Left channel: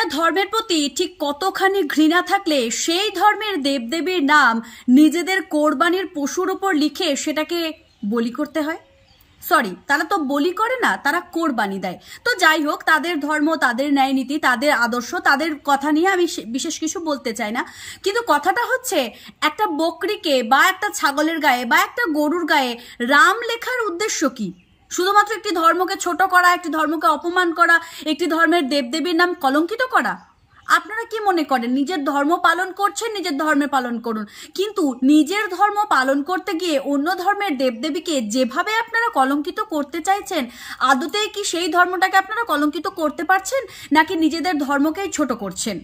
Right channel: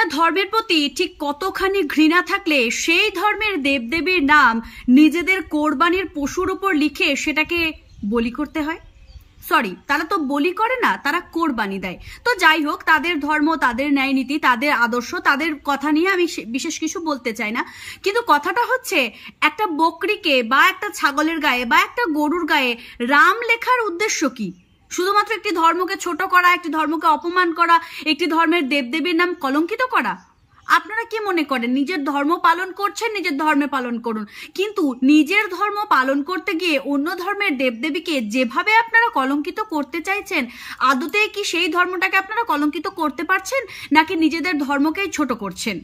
একটা ধর্মের প্রতি ঠিক কতখানি ঘৃণা থাকলে সেই ধর্মের দেবদেবীর নাম নিজেদের কোরবানির পশুর উপর লিখে সেটাকে বলি করতে হয়। সরি, তারা তো বলি করে না, তারা কোরবানি দেয়। তো যাই হোক, তাদের ধর্ম, তাদের ন্যায় নীতি, তাদের আদর্শ, তাদের কথা নিয়ে আমি বিশেষ কিছু বলতে চাই না। কিন্তু কথাটা হচ্ছে, একটা বকরিকে বা একটা ছাগলের গায়ে বা একটা গরুর গায়ে রাম লেখার উদ্দেশ্য কি? শুধুমাত্র একটি ধর্মকে ছোট করা, একটি ধর্মকে অপমান করা, একটি ধর্মের দেবদেবীর নাম কলঙ্কিত করা? আপনারা কি মনে করেন নিজের ধর্ম পালন করছেন, নিজের ধর্মে পালন করুন, কিন্তু নিজের ধর্ম পালন করতে গিয়ে অন্য ধর্মের দেবদেবীকে যেভাবে আপনারা কলঙ্কিত করতে চাইছেন, আদতেই কি সেই ধর্মটাকে আপনারা কলঙ্কিত করতে পারছেন, নাকি নিজেদের ধর্মকেই ছোট করছেন?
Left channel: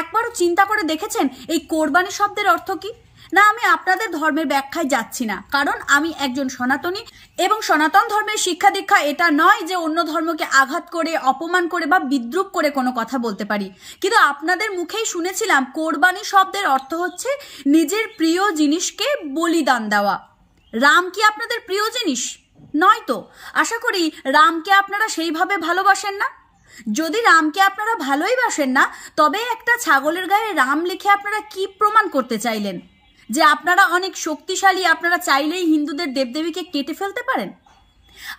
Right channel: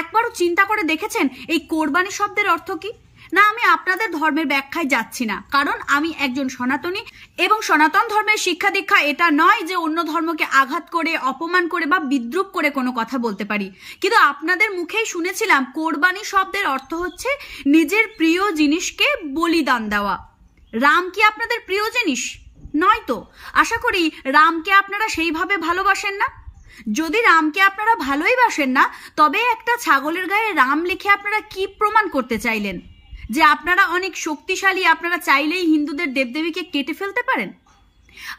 একবারও চিন্তা করে দেখেছেন এই কোরবানি শব্দের অর্থ কি? না, আমি আপনাদের ধর্মের ব্যাখ্যায় যাচ্ছি না, কারণ আমি একজন সনাতনী এবং সনাতন ধর্মের শিক্ষা দীক্ষা এটা নয় যে অন্য ধর্মকে আঘাত করে, অপমান করে বা বিদ্রুপ করে কোনো কথা বলতে পারি। কিন্তু আপনাদের মুখেই শুনেছিলাম কোরবানি শব্দের অর্থ হচ্ছে নিজের প্রিয় জিনিসকে বলিদান দেওয়া। রাম কি আপনাদের প্রিয় জিনিস? নয় তো। আশা করি রামকে আপনারা সেইভাবে ভালোবাসেন না। যদি রামকে আপনারা ভালোই বাসেন না, তবে একটা ছাগলের গায়ে রাম লিখে আপনারা কি প্রমাণ করতে চাইলেন? যে আপনারা অনেক শক্তিশালী, আপনারা চাইলেই হিন্দুদের দেবদেবীকে কেটে ফেলতে পারেন?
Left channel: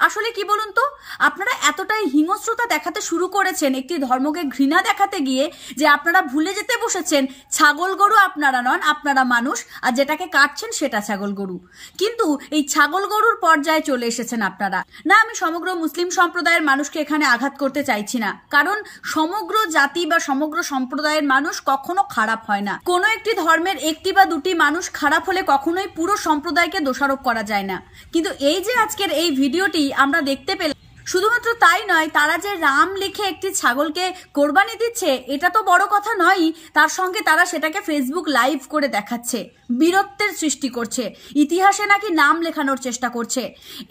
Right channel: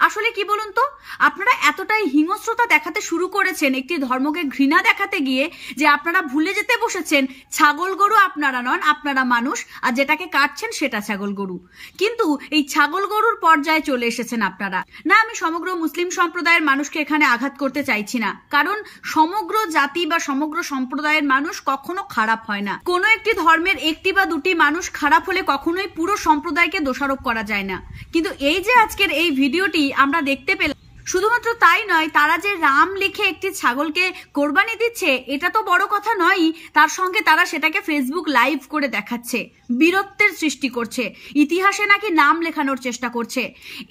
আসলে কি বলুন তো, আপনারা এতটাই হিংস্রতা দেখাতে শুরু করেছেন একটি ধর্মকে ঘৃণা দেখাতে গিয়ে, যে আপনারা ভুলে যেতে বসেছেন ছাগল গরু আপনারা নন, আপনারা মানুষ, আর যেটাকে কাটছেন সেটা ছাগল গরু। কিন্তু এই ছাগল গরুর পর্যায়ে চলে এসেছেন আপনারা। না, আমি সমগ্র মুসলিম সম্প্রদায়ের মানুষকে এখানে আঘাত করতে চাইছি না, কারণ সমগ্র জাতি বা সমগ্র সম্প্রদায়ের মানুষ কখনো খারাপ হয় না। কোনো একটি ধর্মের একটি বা দুটি মানুষ খারাপ হলে কখনোই পুরো সম্প্রদায়কে দোষারোপ করা যায় না। কিন্তু এই যে আজকের এই ভিডিওটি আমরা দেখতে পেলাম, শুধুমাত্র তাই নয়, তারা যে রাম লিখে একটি ছাগলকে কোরবানি দিচ্ছে এটা তো বড় কথা নয়, তার সঙ্গে তারা সেটাকে ফেসবুক লাইভ করে দেখাচ্ছে, বীরত্বের সৃষ্টি করছে, ইতিহাসে নাকি নাম লেখানোর চেষ্টা করছে।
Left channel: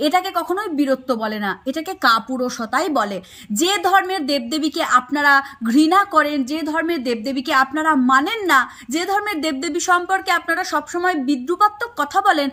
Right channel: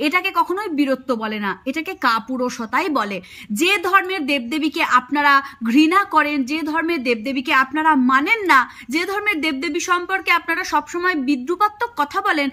এটাকে কখনোই বীরত্ব বলে না, এটাকে কাপুরুষতাই বলে। যে ধর্মের দেবদেবীকে আপনারা ঘৃণা করেন, যে ধর্মের দেবদেবীকে আপনারা মানেন না, যে ধর্মের দেবদেবী সম্পর্কে আপনারা সবসময় বিদ্রুপাত্মক কথা বলেন,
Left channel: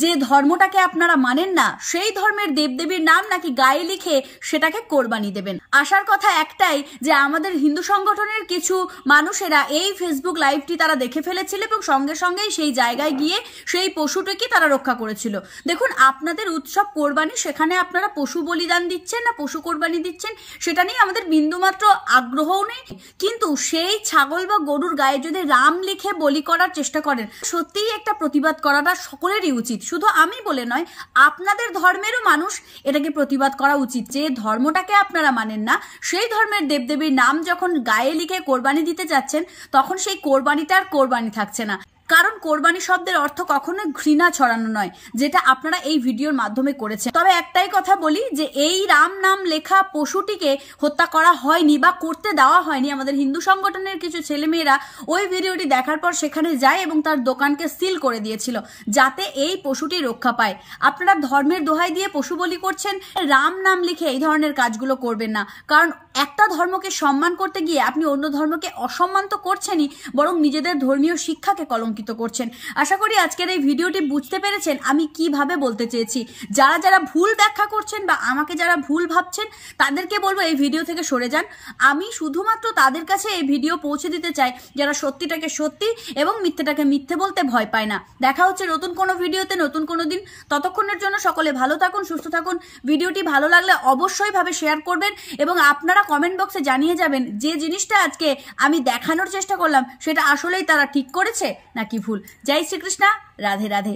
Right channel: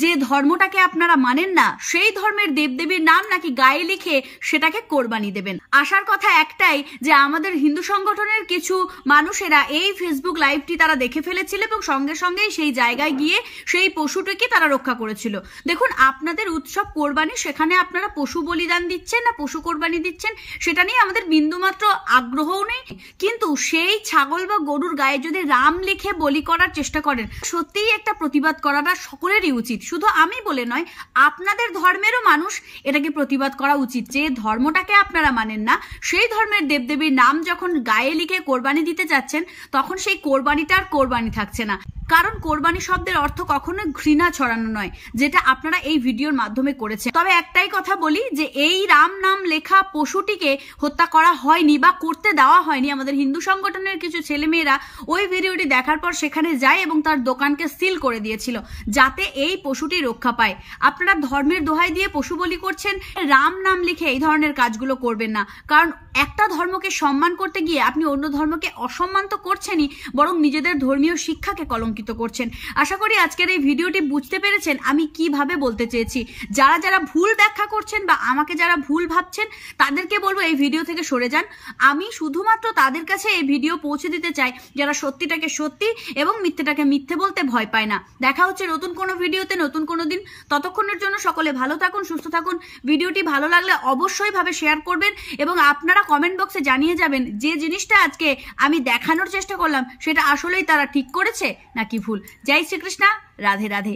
যে ধর্মটাকে আপনারা মানেন না, সেই ধর্মের দেবদেবীর নাম নাকি গায়ে লিখে সেটাকে কোরবানি দেবেন। আসার কথা একটাই, যে আমাদের হিন্দু সংগঠনের কিছু মানুষেরা এই ফেসবুক লাইভটি তারা দেখে ফেলেছিল এবং সঙ্গে সঙ্গেই সেই জায়গায় গিয়ে সেই পশুটিকে তারা রক্ষা করেছিল। দেখুন, আপনাদের উৎসব কোরবানি, সেখানে আপনারা পশু বলিদান দিচ্ছেন না পশু কোরবানি দিচ্ছেন সেটা নিয়ে আমাদের বিন্দুমাত্র আগ্রহও নেই, কিন্তু সেই ছাগল বা গরুর গায়ে যদি রাম লিখে বলি করার চেষ্টা করেন, সত্যিই একটা প্রতিবাদ করাটা সকলেরই উচিত। শুধু আমি বলে নয়, আপনাদের ধর্মেরও মানুষ এটাকে প্রতিবাদ করা উচিত। যে ধর্মটাকে আপনারা মানেন না, সেই ধর্মের দেবদেবীর নাম যখন গায়ে লিখে কোরবানি দিতে যাচ্ছেন, তখন সেই কোরবানিটা আর কোরবানি থাকছে না। কারণ কোরবানি শব্দের অর্থ কখনোই ঘৃণা ছড়ানো নয়, যেটা আপনারা এই ভিডিওর মাধ্যমে করেছেন। তবে একটাই কথা বলি, যে এই রাম নাম লেখা পশুটিকে হত্যা করা হয়নি বা করতে দেওয়া হয়নি। আমাদের হিন্দু সংগঠনের কিছু ছেলেমেয়েরা ওই ভিডিওটি দেখার পর সেখানে যায় এবং তার দোকানকে সিল করে দিয়েছিল, যাতে এই পশুটি রক্ষা পায়। আপনারা ধর্মের দোহাই দিয়ে পশু বলি করছেন, রাম নাম লিখে এই ধরনের কাজগুলো করবেন না। কারণ একটা ধর্মকে সম্মান করতে গিয়ে আপনি অন্য ধর্মকে অসম্মান তো করছেনই, বরং নিজেদের ধর্মীয় শিক্ষাকে কলঙ্কিত করছেন। আশা করি আজকের এই ভিডিওটি বুঝতে পেরেছেন আমি কিভাবে বলতে চেয়েছি। যারা যারা ভুল ব্যাখ্যা করছেন বা আমাকে যারা ভুল ভাবছেন, তাদেরকে বলবো এই ভিডিও থেকে সরে যান। আমি শুধুমাত্র তাদের কাছে এই ভিডিও পৌঁছে দিতে চাই যারা সত্যিটাকে সত্যি এবং মিথ্যেটাকে মিথ্যে বলতে ভয় পায় না। দেখা হচ্ছে নতুন কোনো ভিডিওতে, নতুন কোনো দিন। ততক্ষণের জন্য সকলে ভালো থাকুন, সুস্থ থাকুন। ভিডিওটি ভালো লাগলে অবশ্যই ভাবে শেয়ার করবেন এবং আপনারা কমেন্ট বক্সে জানিয়ে যাবেন যে জিনিসটা আজকে আমি দেখানোর চেষ্টা করলাম সেটা আসলেই তারা ঠিক করেছে নাকি ভুল। জয় শ্রীকৃষ্ণ, রাধে রাধে।